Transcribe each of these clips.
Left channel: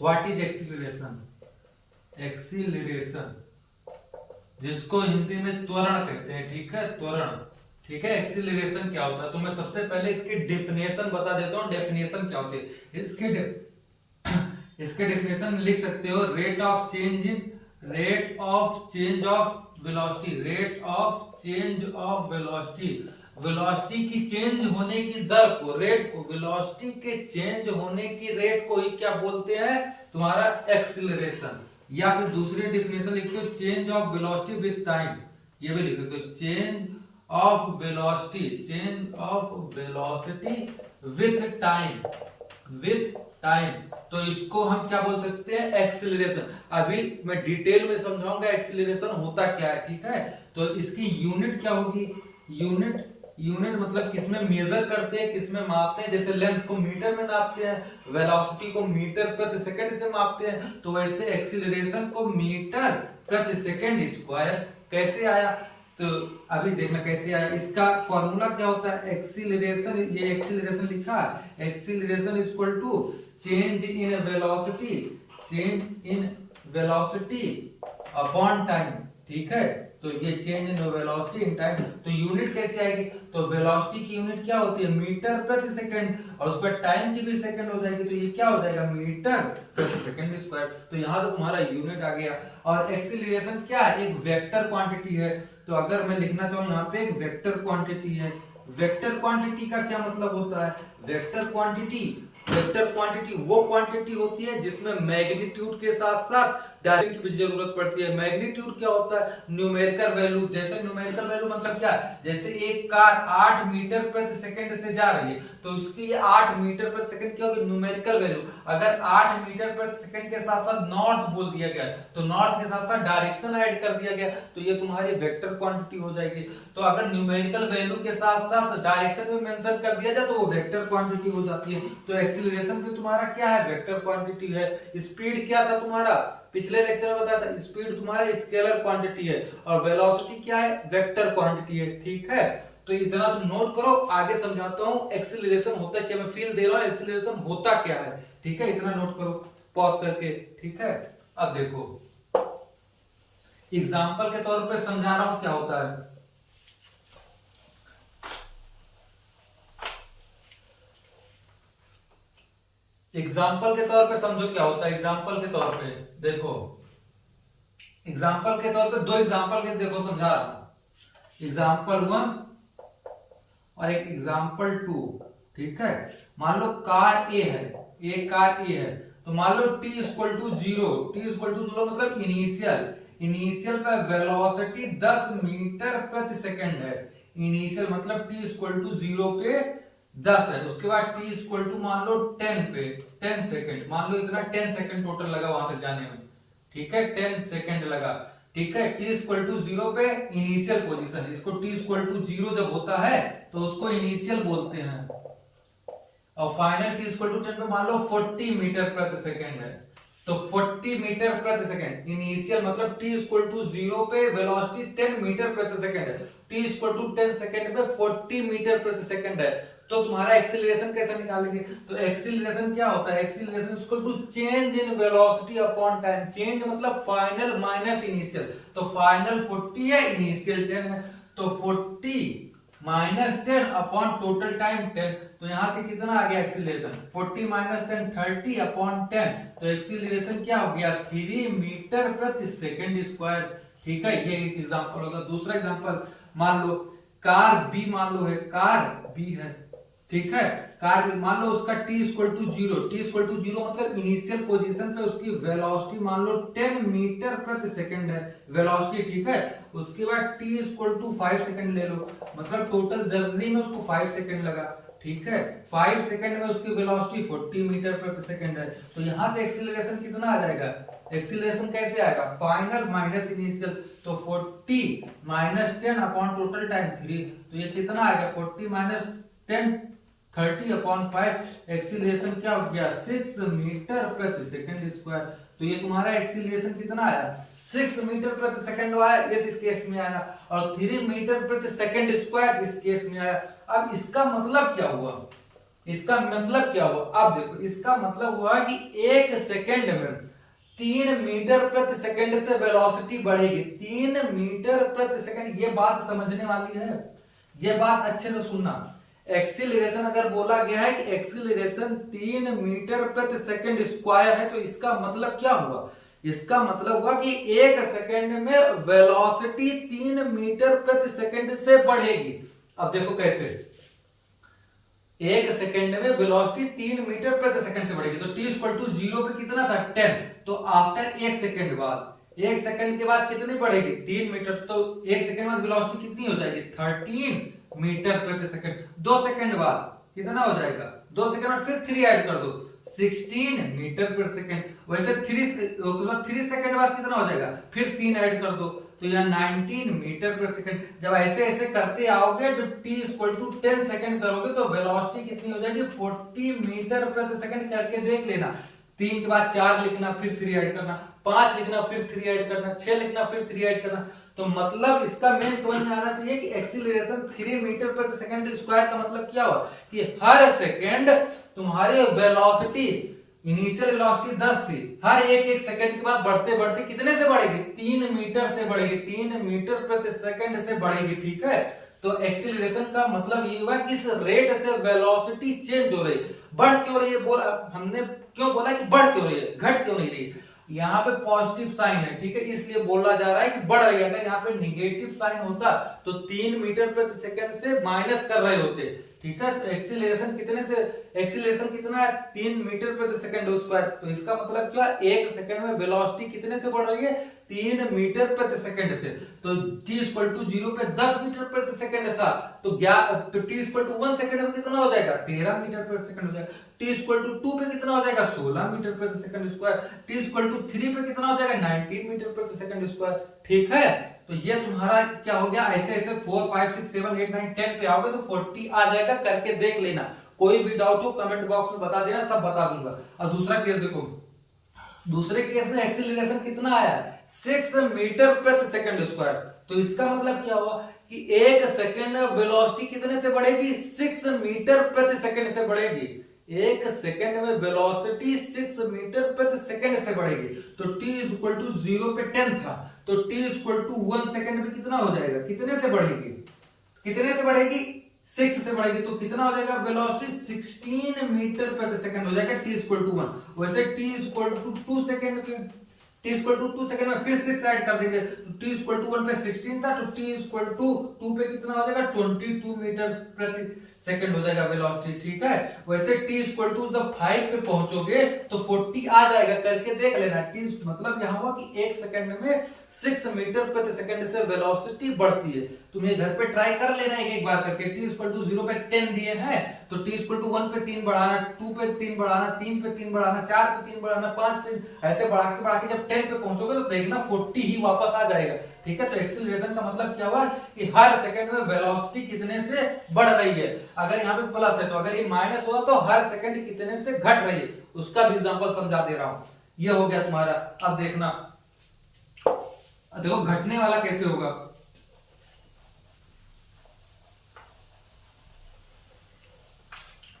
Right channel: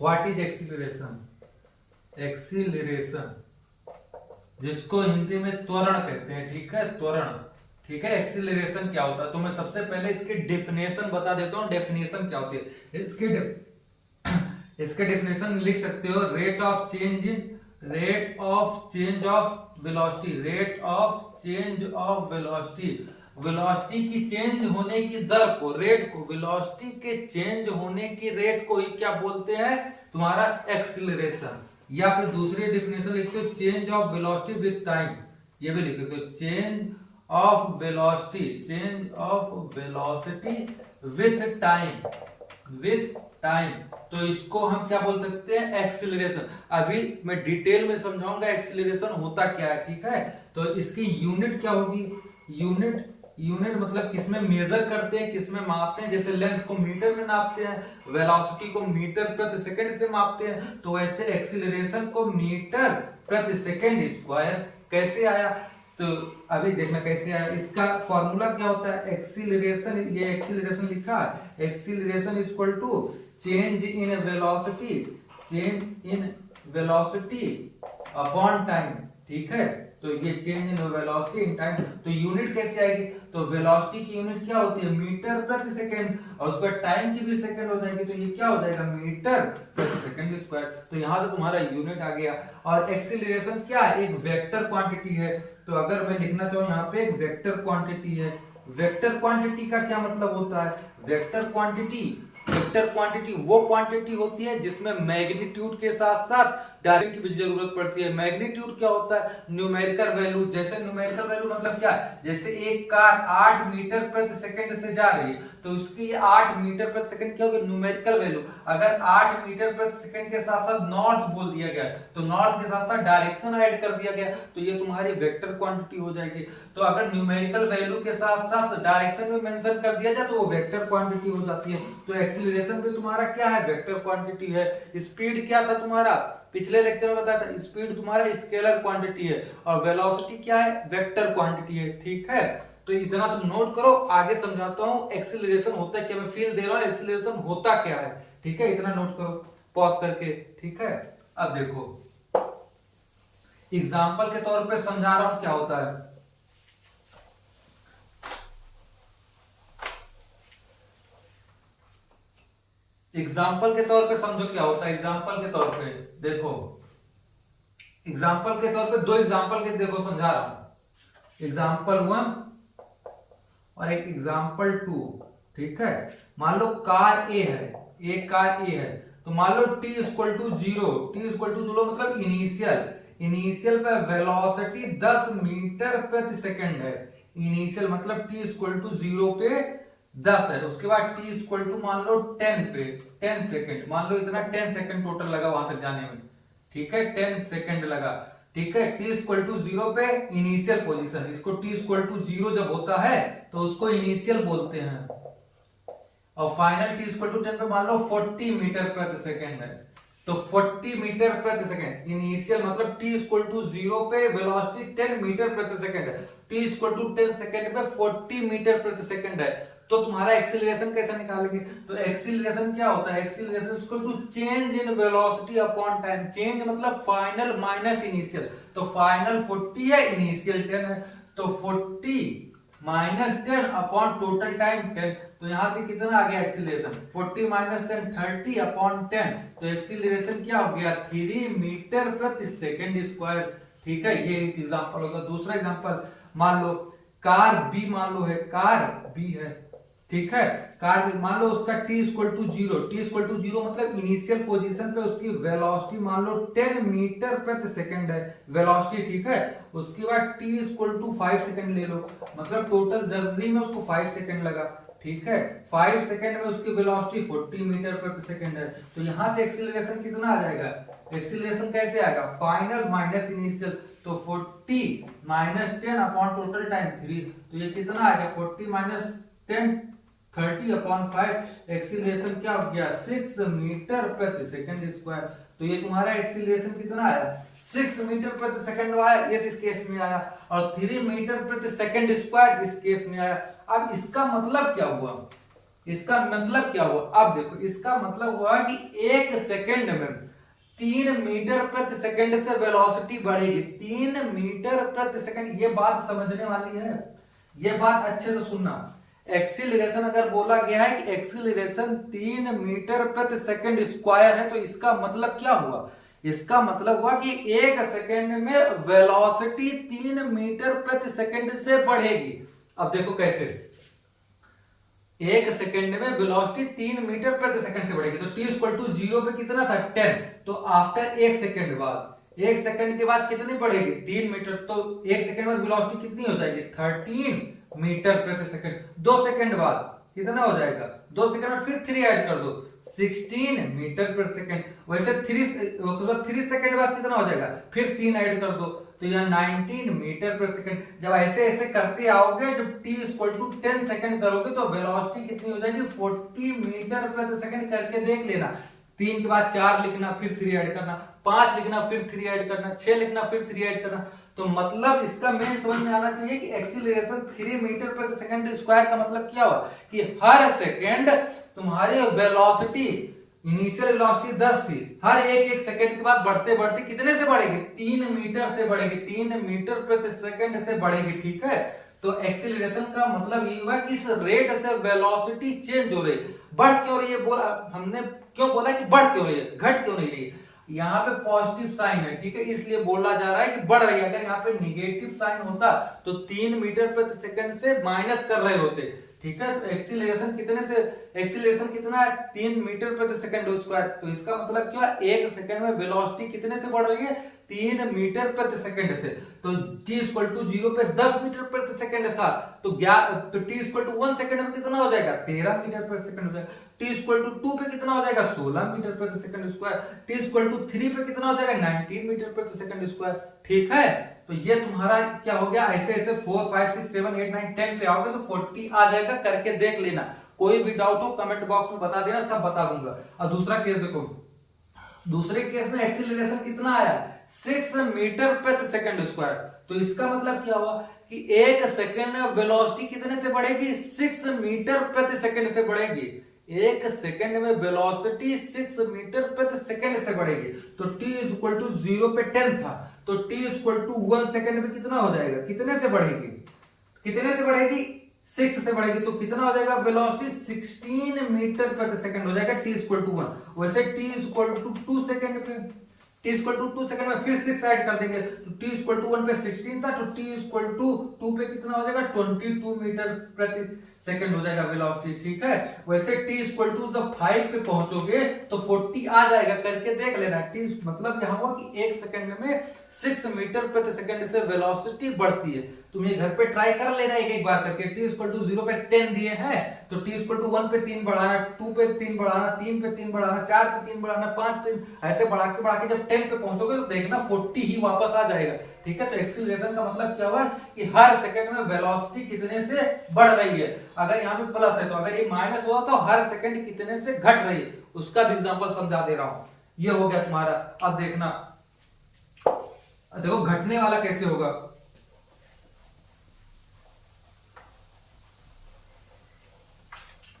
What is acceleration? Acceleration जिसको हिंदी में त्वरण कहते हैं, ठीक है, त्वरण, ठीक है। एक्सीलरेशन क्या होता है, तो मैं सबसे पहले इसकी डेफिनेशन बता देता हूँ। डेफिनेशन क्या होती है इसके डेफिनेशन लिख सकते हो, rate of change of velocity, rate of change of velocity, velocity की चेंज होने की दर को, रेट को, वेलोसिटी के चेंज होने की रेट को ही क्या बोलते हैं, तुम्हारा एक्सीलरेशन। या फिर दूसरी डेफिनेशन लिखते हो, change of velocity with time, ये भी लिख सकते हो, change of velocity with time, तो इसको हम क्या बोल सकते हैं, एक्सीलरेशन। अभी मैं डिटेल में समझाऊंगा एक्सीलरेशन होता क्या है, ठीक है। तो इसकी यूनिट क्या होगी, यूनिट मतलब किसमें मेजर करते हैं, किसमें मापते हैं। जैसे लेंथ को मीटर में नापते हैं, वेलोसिटी को मीटर प्रति सेकंड से मापते हैं, तो वैसे एक्सीलरेशन को मीटर प्रति सेकंड स्क्वायर कैसे आया, तो अभी देखना कैसे आया। इसका फॉर्मूला क्या होता है, एक्सीलरेशन, ये एक्सीलरेशन लिखा, acceleration equal to change in velocity upon time, ठीक है। तो ये change in velocity in time, तो यूनिट कैसे आएगी, तो वेलोसिटी की यूनिट क्या होती है, मीटर प्रति सेकंड, और उसका टाइम की भी सेकंड हो जाएगी, तो ये क्या हो जाएगा, मीटर प्रति सेकंड स्क्वायर। तो यहां से तुम्हारा यूनिट आ गया। और एक्सीलरेशन क्या है, एक वेक्टर क्वांटिटी है। तो अगर मैं लिखना चाहूँ यहाँ पे एक वेक्टर क्वांटिटी है, वेक्टर क्वांटिटी का क्या मतलब होता है, वेक्टर क्वांटिटी वो क्वांटिटी होती है जिसमें मैग्नीट्यूड के साथ साथ डायरेक्शन की भी जरूरत पड़ती है। मैग्नीट्यूड क्या होता है, न्यूमेरिकल वैल्यू। जैसे न्यूमेरिकल वैल्यू मतलब क्या, जैसे एक कार 8 मीटर प्रति सेकंड से जा रही है, तो उसकी 8 मीटर प्रति सेकंड क्या होगी, न्यूमेरिकल वैल्यू। अगर 8 मीटर प्रति सेकंड के साथ साथ नॉर्थ बोल दिया गया, तो नॉर्थ के साथ साथ डायरेक्शन ऐड कर दिया गया, तो ये तुम्हारी वेक्टर क्वांटिटी हो जाएगी। तो अगर न्यूमेरिकल वैल्यू के साथ साथ डायरेक्शन भी मेंशन कर दिया जाए तो वो वेक्टर क्वांटिटी हो जाती है। तो एक्सीलरेशन भी तुम्हारा क्या है, वेक्टर क्वांटिटी है। स्पीड क्या था तुम्हारा, पिछले लेक्चर में बताया था, स्पीड तुम्हारा स्केलर क्वांटिटी है, और वेलोसिटी क्या है, वेक्टर क्वांटिटी है, ठीक है। तो इतना तुम नोट करो, आगे समझाता हूँ एक्सीलरेशन होता है क्या, मैं फील दे रहा हूँ एक्सीलरेशन होता क्या है, ठीक है। इतना नोट करो पॉज करके, ठीक है। अब देखो एग्जाम्पल के तौर पे समझा रहा हूं क्या होता है। एग्जाम्पल के तौर पे समझो क्या होता है। एग्जाम्पल के तौर पे देखो, एग्जाम्पल के तौर पे दो एग्जाम्पल के देखो समझा रहा हूं, एग्जाम्पल 1 और एक एग्जाम्पल 2, ठीक है। मान लो कार ए है, एक कार ए है, तो मान लो t इक्वल टू जीरो मतलब इनिशियल पे वेलोसिटी 10 मीटर प्रति सेकंड है। इनिशियल मतलब t इक्वल टू जीरो पे 10 है, उसके बाद t इक्वल टू मान लो 10 पे 10 सेकंड, मान लो इतना 10 सेकंड टोटल लगा वहां तक जाने में, ठीक है, 10 सेकंड लगा, ठीक है। t इक्वल टू जीरो पे इनिशियल पोजीशन, इसको t इक्वल टू जीरो जब होता है तो उसको इनिशियल बोलते हैं, और फाइनल t इक्वल टू 10 पे मान लो 40 मीटर प्रति सेकंड है, तो 40 मीटर प्रति सेकंड इनिशियल मतलब t इक्वल टू जीरो पे वेलोसिटी 10 मीटर प्रति सेकंड है, t इक्वल टू 10 सेकंड पे 40 मीटर प्रति सेकंड है। तो तुम्हारा एक्सीलरेशन कैसे निकालेंगे, तो एक्सीलरेशन क्या होता है, acceleration equal to change in velocity upon time. Change मतलब फाइनल माइनस इनिशियल, तो फाइनल 40 है, इनिशियल 10 है, तो 40 माइनस 10 अपॉन टोटल टाइम 10, तो यहां से कितना आ गया एक्सीलरेशन, 40 माइनस 10 30 अपॉन 10, तो एक्सीलरेशन क्या हो गया 3 मीटर प्रति सेकंड स्क्वायर, ठीक है। ये एक एग्जांपल होगा। दूसरा एग्जांपल मान लो कार बी, मान लो है कार बी है, ठीक है, कार बी मान लो उसका t इक्वल टू जीरो मतलब इनिशियल पोजीशन पे उसकी वेलोसिटी मान लो 10 मीटर प्रति सेकंड है वेलोसिटी, ठीक है। उसके बाद t इक्वल टू 5 सेकंड ले लो, मतलब टोटल जर्नी में उसको 5 सेकंड लगा, ठीक है। 5 सेकंड में उसकी वेलोसिटी 40 मीटर प्रति सेकंड है, तो यहां से एक्सीलरेशन कितना आ जाएगा, एक्सीलरेशन कैसे आएगा, फाइनल माइनस इनिशियल, तो 40 माइनस 10 अपॉन टोटल टाइम 3, तो ये कितना आएगा 40 माइनस 10 30 अपॉन 5, एक्सीलरेशन क्या हो गया 6 मीटर प्रति सेकंड स्क्वायर। तो ये तुम्हारा एक्सीलरेशन कितना आया 6 मीटर प्रति सेकंड आया, इस केस में आया, और 3 मीटर प्रति सेकंड स्क्वायर इस केस में आया। अब इसका मतलब क्या हुआ, इसका मतलब क्या हुआ, अब देखो इसका मतलब हुआ कि 1 सेकंड में 3 मीटर प्रति सेकंड से वेलोसिटी बढ़ेगी। 3 मीटर प्रति सेकंड, ये बात समझने वाली है, ये बात अच्छे से सुनना। एक्सीलरेशन अगर बोला गया है कि एक्सीलरेशन 3 मीटर प्रति सेकंड स्क्वायर है, तो इसका मतलब क्या हुआ, इसका मतलब हुआ कि 1 सेकंड में वेलोसिटी 3 मीटर प्रति सेकंड से बढ़ेगी। अब देखो कैसे, 1 सेकंड में वेलोसिटी 3 मीटर प्रति सेकंड से बढ़ेगी। तो t इक्वल टू 0 पे कितना था 10, तो आफ्टर 1 सेकंड बाद, 1 सेकंड के बाद कितनी बढ़ेगी 3 मीटर, तो 1 सेकंड बाद वेलोसिटी कितनी हो जाएगी 13 मीटर प्रति सेकंड। 2 सेकंड बाद कितना हो जाएगा, 2 सेकंड बाद फिर 3 ऐड कर दो 16 मीटर पर सेकंड। वैसे 3 सेकंड बाद कितना हो जाएगा, फिर 3 ऐड कर दो, तो यह 19 मीटर पर सेकंड। जब ऐसे ऐसे करते आओगे, जब t इक्वल टू 10 सेकंड करोगे तो वेलोसिटी कितनी हो जाएगी 40 मीटर प्रति सेकंड। करके देख लेना, 3 के बाद 4 लिखना, फिर 3 ऐड करना, 5 लिखना, फिर 3 ऐड करना, 6 लिखना, फिर 3 ऐड करना। तो मतलब इसका मेन समझ में आना चाहिए कि एक्सीलरेशन 3 मीटर प्रति सेकंड स्क्वायर का मतलब क्या हुआ कि हर सेकंड तुम्हारी वेलोसिटी, इनिशियल वेलोसिटी 10 थी, हर एक सेकंड के बाद बढ़ते बढ़ते कितने से बढ़ेगी 3 मीटर से बढ़ेगी, 3 मीटर प्रति सेकंड से बढ़ेगी। ठीक है, तो एक्सीलरेशन का मतलब ये हुआ कि इस रेट से वेलोसिटी चेंज हो रही, बढ़ क्यों रही है, बोला हमने, क्यों बोला कि बढ़ क्यों रही है, घट क्यों नहीं रही है। यहाँ पे पॉजिटिव साइन है, ठीक है, इसलिए बोला जा रहा है कि बढ़ रही है। अगर यहाँ पे निगेटिव साइन होता तो 3 मीटर प्रति सेकंड से माइनस कर रहे होते। ठीक है, तो एक्सीलरेशन कितने से, एक्सीलरेशन कितना है 3 मीटर प्रति सेकंड स्क्वायर। तो इसका मतलब क्या, 1 सेकंड में वेलोसिटी कितने से बढ़ रही है 3 मीटर प्रति सेकंड से। तो t इक्वल टू 0 पे 10 मीटर प्रति सेकंड था, तो t इक्वल टू 1 सेकंड में कितना हो जाएगा 13 मीटर प्रति सेकंड हो जाएगा। t इक्वल टू 2 पे कितना हो जाएगा 16 मीटर प्रति second square. t equal to 3 पे कितना हो जाएगा 19 मीटर प्रति सेकंड स्क्वायर। ठीक है, तो ये तुम्हारा क्या हो गया, ऐसे ऐसे 4 5 6 7 8 9 10 पे आओगे तो 40 आ जाएगा। करके देख लेना, कोई भी डाउट हो कमेंट बॉक्स में बता देना, सब बता दूंगा। और दूसरा केस देखो, दूसरे केस में एक्सीलरेशन कितना आया 6 मीटर प्रति सेकंड स्क्वायर। तो इसका मतलब क्या हुआ कि 1 सेकंड में वेलोसिटी कितने से बढ़ेगी 6 मीटर प्रति सेकंड से बढ़ेगी। 1 सेकंड में वेलोसिटी 6 मीटर प्रति सेकंड से बढ़ेगी। तो t इक्वल टू 0 पे 10 था, तो t इक्वल टू 1 सेकंड में कितना हो जाएगा, कितने से बढ़ेगी, कितने से बढ़ेगी 6 से बढ़ेगी। तो कितना हो जाएगा वेलोसिटी 16 मीटर प्रति सेकंड हो जाएगा t इक्वल टू 1। वैसे t इक्वल टू 2 सेकंड पे, t इक्वल टू 2 सेकंड में फिर 6 ऐड कर देंगे, तो t इक्वल टू 1 पे 16 था, तो t इक्वल टू 2 पे कितना हो जाएगा 22 मीटर प्रति सेकंड हो जाएगा वेलोसिटी। ठीक है, वैसे t इक्वल टू जब 5 पे पहुंचोगे तो 40 आ जाएगा। करके देख लेना, t मतलब यहाँ हुआ कि 1 सेकंड में 6 मीटर प्रति सेकंड से वेलोसिटी बढ़ती है। तुम ये घर पे ट्राई कर लेना एक एक बार करके। t इक्वल टू 0 पे 10 दिए हैं, तो t इक्वल टू 1 पे 3 बढ़ाना, 2 पे 3 बढ़ाना, 3 पे 3 बढ़ाना, 4 पे 3 बढ़ाना, 5 पे, ऐसे बढ़ा के जब 10 पे पहुंचोगे तो देखना 40 ही वापस आ जाएगा। ठीक है, तो एक्सीलरेशन का मतलब क्या हुआ कि हर सेकंड में वेलोसिटी कितने से बढ़ रही है। अगर यहाँ पे प्लस है तो अगर ये माइनस हुआ तो हर सेकंड कितने से घट रही है, उसका भी एग्जांपल समझा दे रहा हूं। ये हो गया तुम्हारा। अब देखना, देखो घटने वाला कैसे होगा।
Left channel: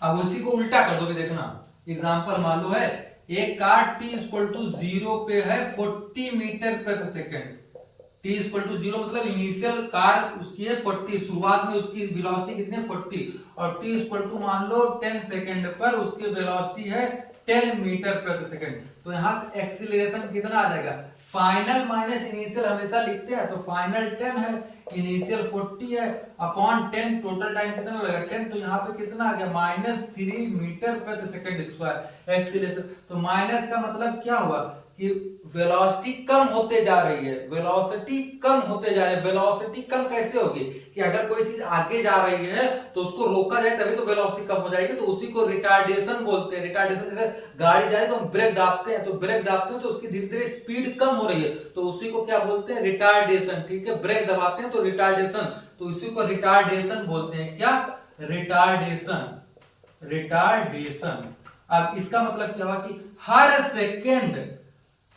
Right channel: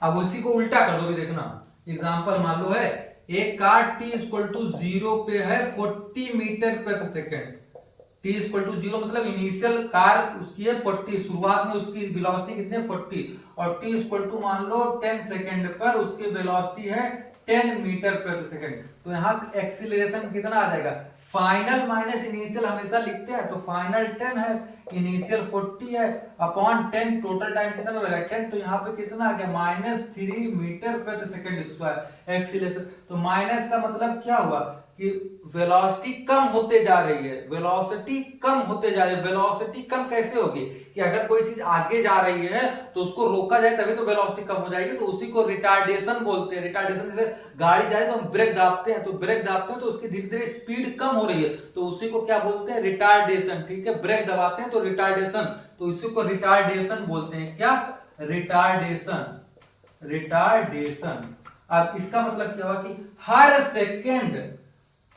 अब उसी को उल्टा कर दो भी, देखना एग्जांपल मान लो है एक कार t इक्वल टू 0 पे है 40 मीटर प्रति सेकंड। t इक्वल टू 0 मतलब इनिशियल कार उसकी है 40, शुरुआत में उसकी वेलोसिटी कितनी है 40, और t इक्वल टू मान लो 10 सेकंड पर उसकी वेलोसिटी है 10 मीटर प्रति सेकंड। तो यहां से एक्सीलरेशन कितना आ जाएगा, फाइनल माइनस इनिशियल हमेशा लिखते हैं, तो फाइनल 10 है, इनिशियल 40 है, अपॉन 10, टोटल टाइम कितना लगेगा 10, तो यहाँ पे कितना आ गया -3 मीटर प्रति सेकंड स्क्वायर एक्सीलरेशन। तो माइनस का मतलब क्या हुआ कि वेलोसिटी कम होते जा रही है, वेलोसिटी कम होते जा रही है। वेलोसिटी कम कैसे होगी कि अगर कोई चीज आगे जा रही है तो उसको रोका जाए तभी तो वेलोसिटी कम हो जाएगी, तो उसी को रिटार्डेशन बोलते हैं। रिटार्डेशन जैसे गाड़ी जा रही है तो हम ब्रेक दाबते हैं, तो ब्रेक दाबते हैं तो उसकी धीरे धीरे स्पीड कम हो रही है, तो उसी को क्या बोलते हैं रिटार्डेशन। ठीक है, ब्रेक दबाते हैं तो रिटार्डेशन, तो उसी को रिटार्डेशन बोलते हैं। क्या, रिटार्डेशन, रिटार्डेशन। अब इसका मतलब क्या हुआ कि हर सेकेंड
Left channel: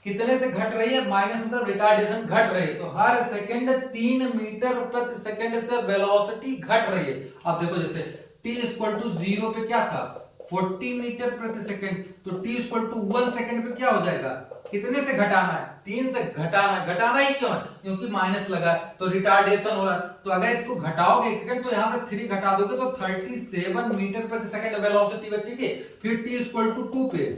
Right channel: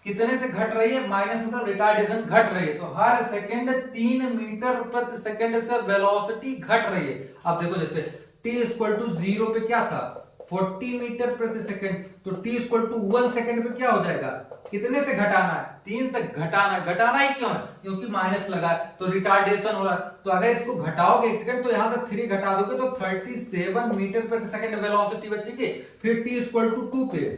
कितने से घट रही है, माइनस मतलब रिटार्डेशन घट रही है, तो हर सेकंड 3 मीटर प्रति सेकंड से वेलोसिटी घट रही है। अब देखो जैसे t इक्वल टू 0 पे क्या था 40 मीटर प्रति सेकंड, तो t इक्वल टू 1 सेकंड पे क्या हो जाएगा, कितने से घटाना है 3 से घटाना है। घटाना ही क्यों है, क्योंकि माइनस लगा है तो रिटार्डेशन हो रहा है। तो अगर इसको घटाओगे 1 सेकंड तो यहां से 3 घटा दोगे तो 37 मीटर प्रति सेकंड वेलोसिटी बचेगी। फिर t इक्वल टू 2 पे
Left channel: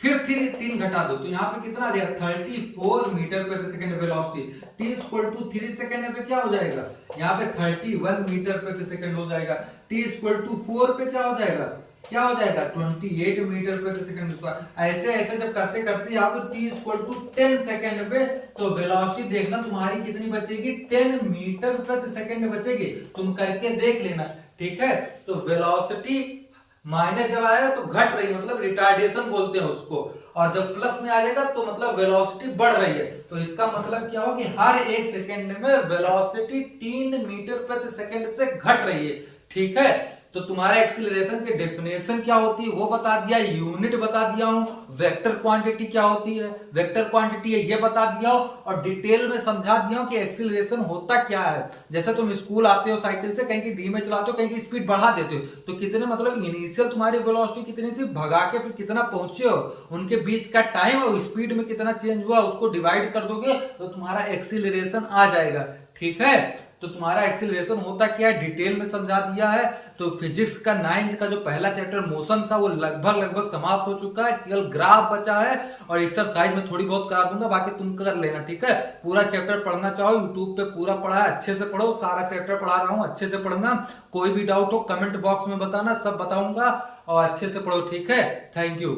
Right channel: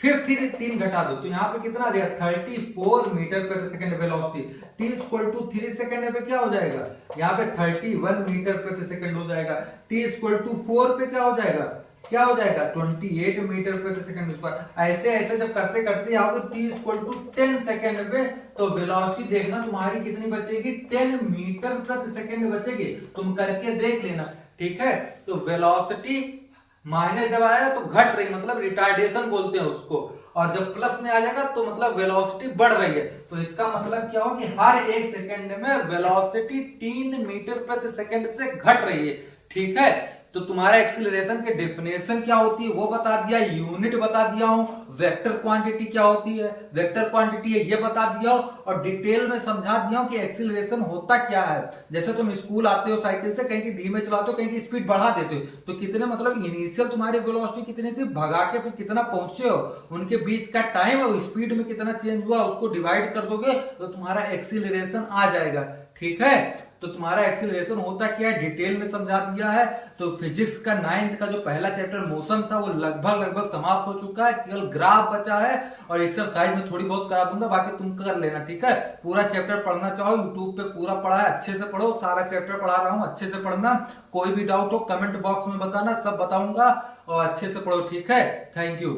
फिर 3 घटा दो तो यहाँ पे कितना आ जाएगा 34 मीटर प्रति second velocity. t equal to 3 second पे क्या हो जाएगा, यहाँ पे 31 मीटर प्रति सेकंड हो जाएगा। t इक्वल टू 4 पे क्या हो जाएगा, क्या हो जाएगा 28 मीटर प्रति सेकंड पर। ऐसे ऐसे जब करते करते यहाँ पे t इक्वल टू 10 सेकंड पे तो वेलोसिटी देखना तुम्हारी कितनी बचेगी 10 मीटर प्रति सेकंड बचेगी। तुम करके देख लेना, ठीक है। तो वेलोसिटी माइनस जब आएगा तो घट रही, मतलब रिटार्डेशन बोलते हैं उसको, और जब प्लस में आ जाएगा तो मतलब वेलोसिटी बढ़ रही है। तो इसका मतलब क्या हो कि हर 1 सेकंड में वेलोसिटी 3 मीटर प्रति सेकंड से घट रही है, ठीक है। तो तुम्हारा एक्सीलरेशन के डेफिनेशन क्या होती है वो बता दिया, यूनिट बता दिया हूं, वेक्टर क्वांटिटी क्या होती है, वेक्टर क्वांटिटी है ये बता दिया हूं, और डिटेल में समझा दिया हूं कि एक्सीलरेशन होता क्या है। जैसे तुम स्कूल आते हो साइकिल से, कहीं की धीमे चलाते हो, कहीं की स्पीड बढ़ा देते हो, तो कितने मतलब इनिशियल तुम्हारी वेलोसिटी कितनी थी, भगा के फिर कितना पहुंचे हो, उनके बीच का टाइम और स्पीड में कितना चेंज हुआ उसको डिवाइड कर दोगे तो तुम्हारा एक्सीलरेशन आ जाएगा, ठीक है। तो तुम्हारा एक्सीलरेशन होता क्या है डिटेल में समझा दिया है। तो फिजिक्स का 9th का जो पहला चैप्टर मोशन था वो लगभग समाप्त हो चुका है, केवल ग्राफ बचा है और एक्सरसाइज में थोड़ी बहुत करा दूंगा, बाकी तुम कर लेना, ठीक है। पूरा चैप्टर पढ़ना चाहो यूट्यूब पे पूरा पढ़ा है, अच्छे से पढ़ो, सारा चैप्टर पढ़ा रहा हूँ, अच्छे से पढ़ना। कोई भी डाउट हो कमेंट बॉक्स में बताना, सब बताऊंगा, और अच्छे से पढ़ो, ठीक है। Thank you.